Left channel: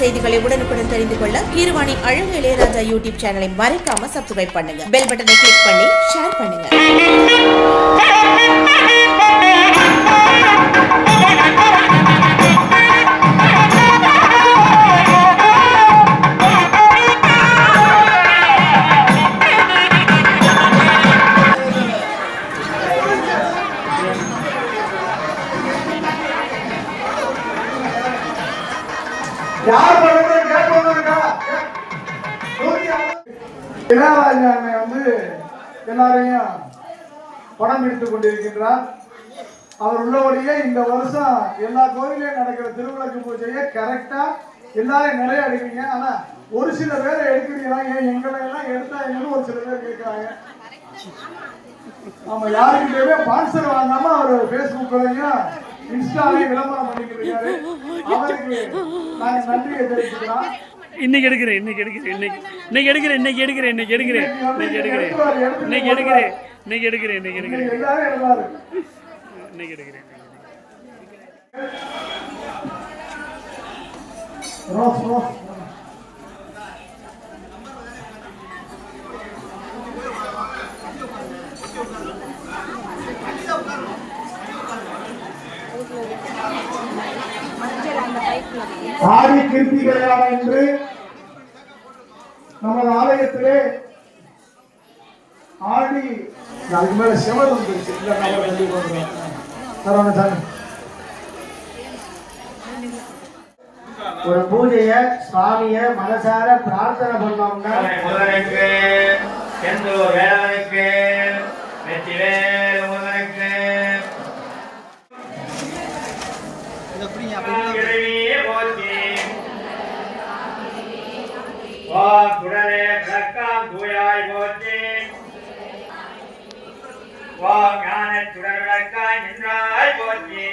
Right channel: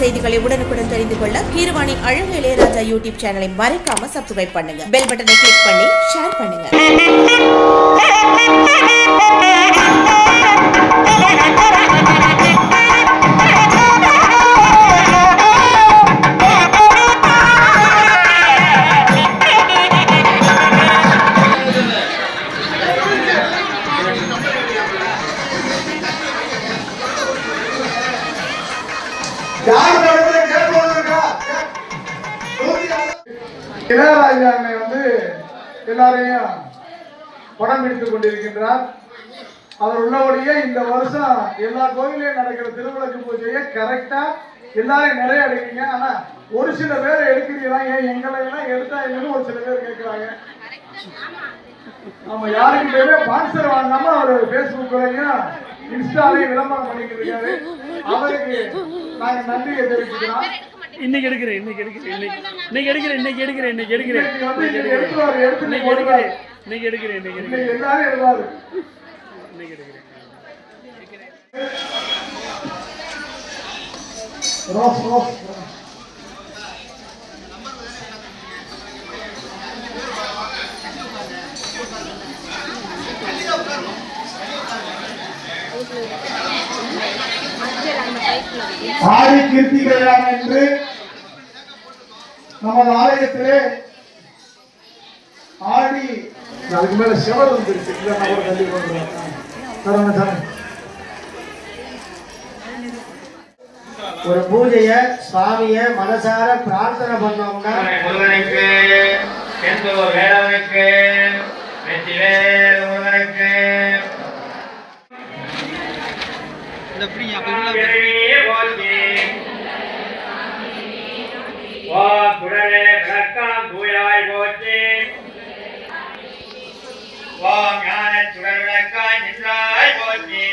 செய்திகளை உடனுக்குடன் தெரிந்து கொள்ள கீரவாணி அழகு இளையராஜா யூடியூப் சேனலை மறக்காம சப்ஸ்கிரைப் பண்ணுங்க. பெல் பட்டனை கிளிக் பண்ணி ஷேர் பண்ணுங்க. இளையராஜா வந்து எல்லாரையும் படம் எடுத்துக் கொண்டிருக்கின்றார். அவர் உள்ளபடியே இந்த வருஷம் எல்லா கோயிலையும் நடக்கிற திருவிளக்கு பூஜையை கரெக்டா எல்லாரும் நிறைய எடுக்கிறீங்க. ஆனா ஒரு சில பேர் எடுக்கிறீங்களா, ஏன் எங்களை எல்லாம் எடுத்தா என்னன்னு ஒரு சில பேர் கேட்கிறாங்க. நம்ம யாருக்கிட்டே ஸ்பான்சர் வாங்காம அவர் பேஸ்புக்லையும் இன்ஸ்டாலையும் விளம்பரம் பண்ணிக்கிட்டு இருக்காரு. அவருக்கு நான் நன்றியை தெரிவிச்சுக்கிறோம். இன்னைக்கு எடுக்கிறேன் ஆடி கிருத்திகையான என்று நமது ஆலயத்திலே ஆடி அதுக்கு மேல சிவர் வந்துருச்சு. ஒரு பூஜைய சுவாமிய மனசார பிரார்த்தனை பண்ணோம்னா முருகனுக்கு செந்தூர் வேலவனுக்கு வெற்றிவேல் முருகனுக்கு குடலே விளக்காம் தூயாய் போற்றி ஞான சுடர் விளக்காய் நின்றாய் போற்றி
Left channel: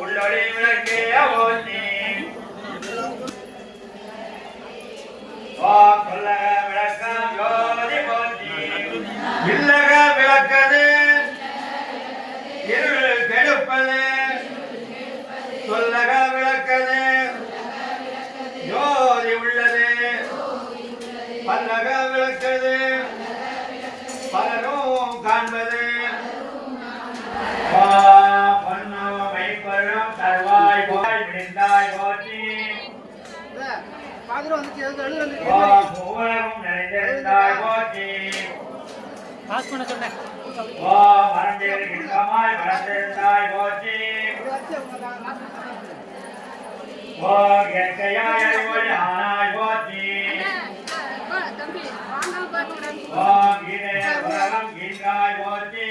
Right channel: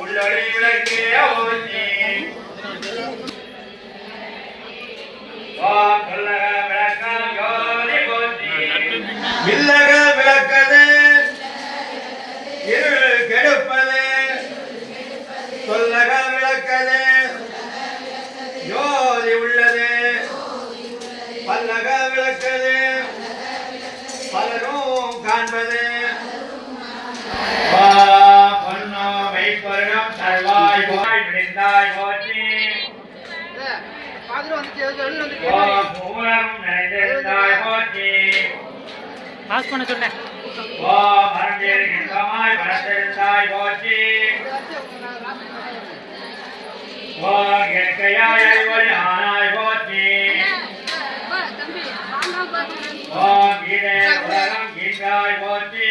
உள்ளொளி விளக்கே போற்றி விளக்காம் ஜோதி போற்றி இல்லக விளக்கது இருள் கெடுப்பது சொல்லக விளக்கது ஜோதி உள்ளது பல்லக விளக்கது பலரும் காண்பது பொன்னோ வைப்பரும் தருவாய் போய் விடிந்தாய் போற்றி பூரம் நிறைந்திருந்தாய் போற்றி மரண்டில் இன்பமாய் வளர்ந்திருந்தாய் போற்றி இயற்கையாய் அறிவொளி ஆனாய் போற்றி கீழே உலகம் கீழ்காய் போற்றி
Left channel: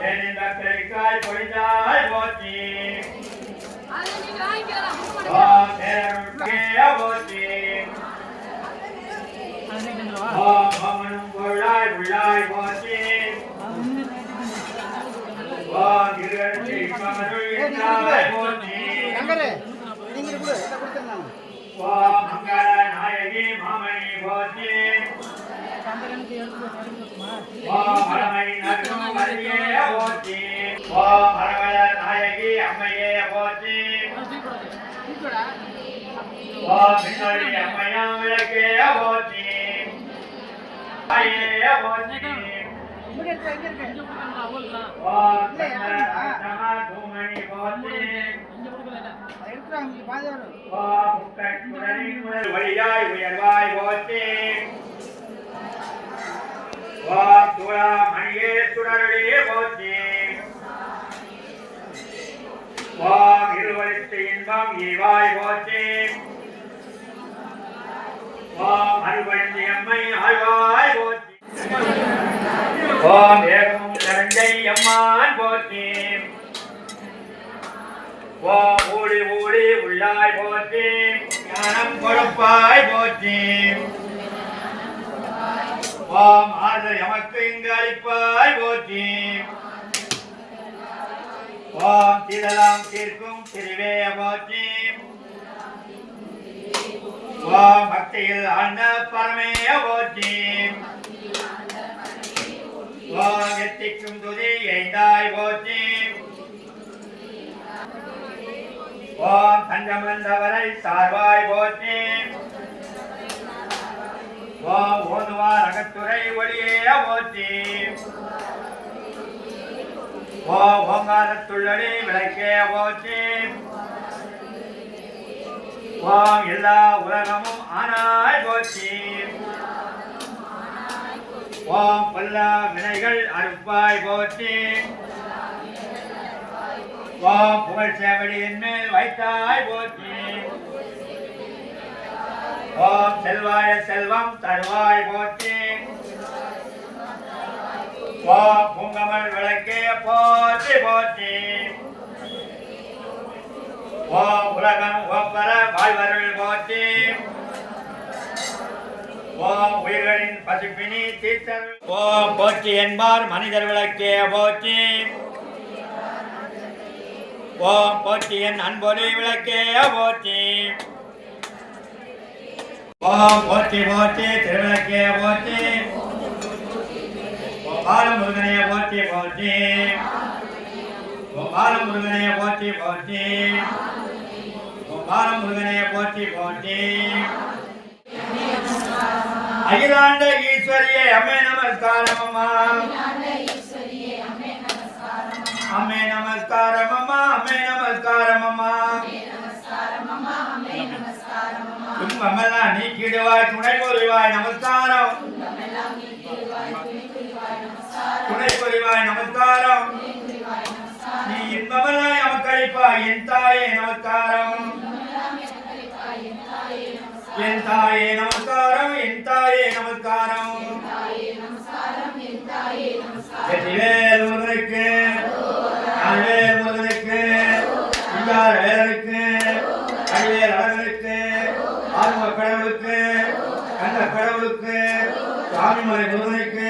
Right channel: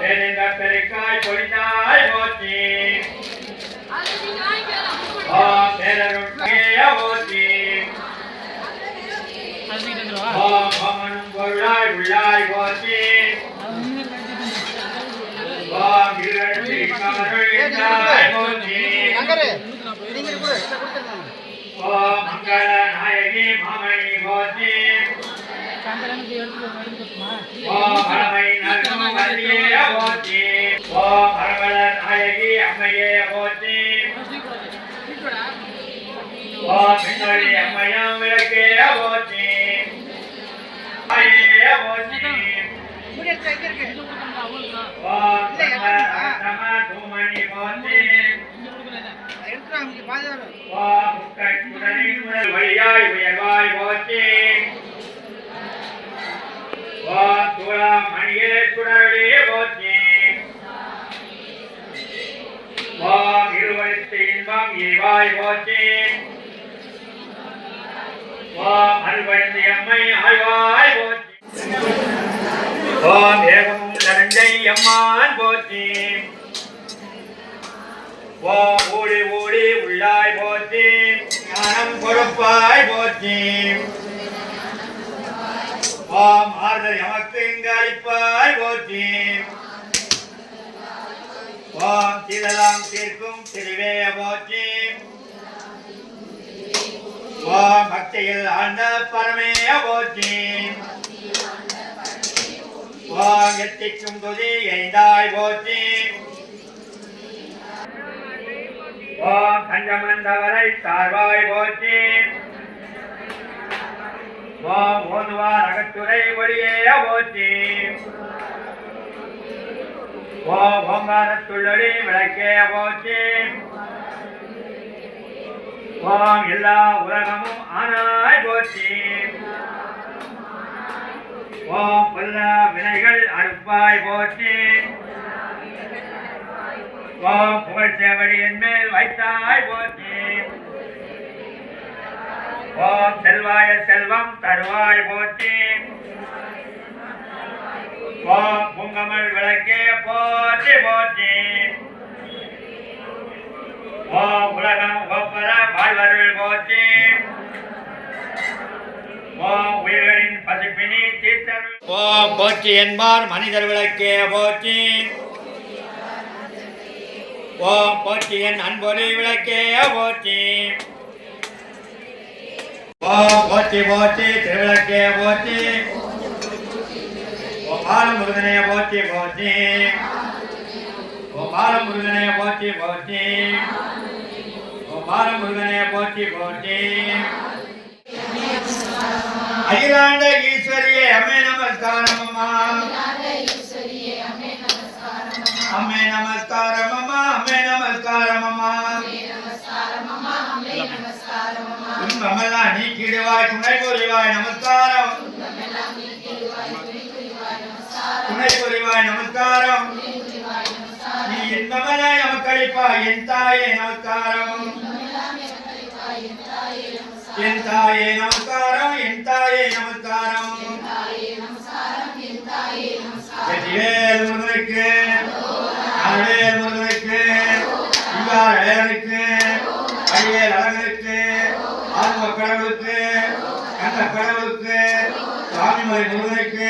பெருந்த பெருக்காய் பொழிந்தாய் போற்றி பேரருட்கே போற்றி மமனும் பொருளாய் உள்ளாய் போற்றி மங்கள நாயகி மாமணி போற்றி மலமை நல்கும் வள்ளியே போற்றி மரவள நாயகி அம்மையே போற்றி மின்னொளி அம்மையம் விளக்கே போற்றி தூமணி போற்றி வழியாய் உயர்வாய் போற்றி துளா மணியே சுடரொளியே போற்றி இருவழுத்து இன்பம் ஈவாய் போற்றி ஓம் அருள்வழுந்தி அம்மை ஆழ்வாய் போற்றி ஓம் ஏகமும் நரஞ்சை அம்மான் போற்றி ஓம் ஊழி ஊழி உள்ளாய் போற்றி ஞானம் கொடுப்பாய் போற்றி ஓம் ஆறுதல் எமக்கு இங்கு அளிப்பாய் போற்றி ஓம் தீதலாம் தீர்க்கும் திருவே போற்றி ஓம் பக்தியில் ஆழ்ந்த பரமே போற்றி ஓம் எத்திக்கும் துதி எய்தாய் போற்றி ஓம் பஞ்சமந்தவரை சார்வாய் போற்றி ஓம் ஓதுவார் அகத்துறை ஒளியே போற்றி ஓம் ஓங்காரத்துள்ளொளி விளக்கே போற்றி ஓம் எல்லா உலகமும் ஆனாய் போற்றி ஓம் பொல்லா வினைகள் அறுப்பாய் போற்றி ஓம் புகழ்ச்சேவடி என் மேல் வைத்தாய் போற்றி ஓம் செல்வாய செல்வம் தருவாய் போற்றி ஓம் பூங்கமல் விளக்கே போற்றி போற்றி ஓம் உலகம் ஒப்பர வாழ்வர்கள் போற்றி ஓம் உயிர்களின் பசிப்பினி தீர்த்தல் ஓம் போற்றி என்பார் மனிதர் விளக்கே போற்றி ஓம் போற்றி என் அன்பொலி விளக்கே போற்றி ஓம் போற்றி போற்றி திருவிளக்கே போற்றி ஓம் பாலமுருகனே போற்றி போற்றி ஓம் பாலமுருகனே போற்றி போற்றி ஓம் பாலமுருகனே போற்றி போற்றி அகிலாண்ட ஈஸ்வரியே அம்மே நமஸ்காரம் அம்மா அம்மே நமஸ்காரம் அம்மா அம்மே நமஸ்காரம் அம்மா துன்பமெல்லாம் நீக்கிடுவாய் துணை புரிவாய் நமஸ்காரம் துணை புரிவாய் நமஸ்காரம் நீ இன்பமெல்லாம் நமக்களிப்பாய் என் தாயே நமஸ்காரம் என் தாயே நமஸ்காரம் என் தாயே நமஸ்காரம் வெற்றிவேல் முருகனுக்கு அருள்வேல் முருகனுக்கு இவ்வாறு வேலனுக்கு அடிவேல் அழகனுக்கு ஆர்வ கடவுளுக்கு கண்ட கடவுளுக்கு சாமிமலை முருகனுக்கு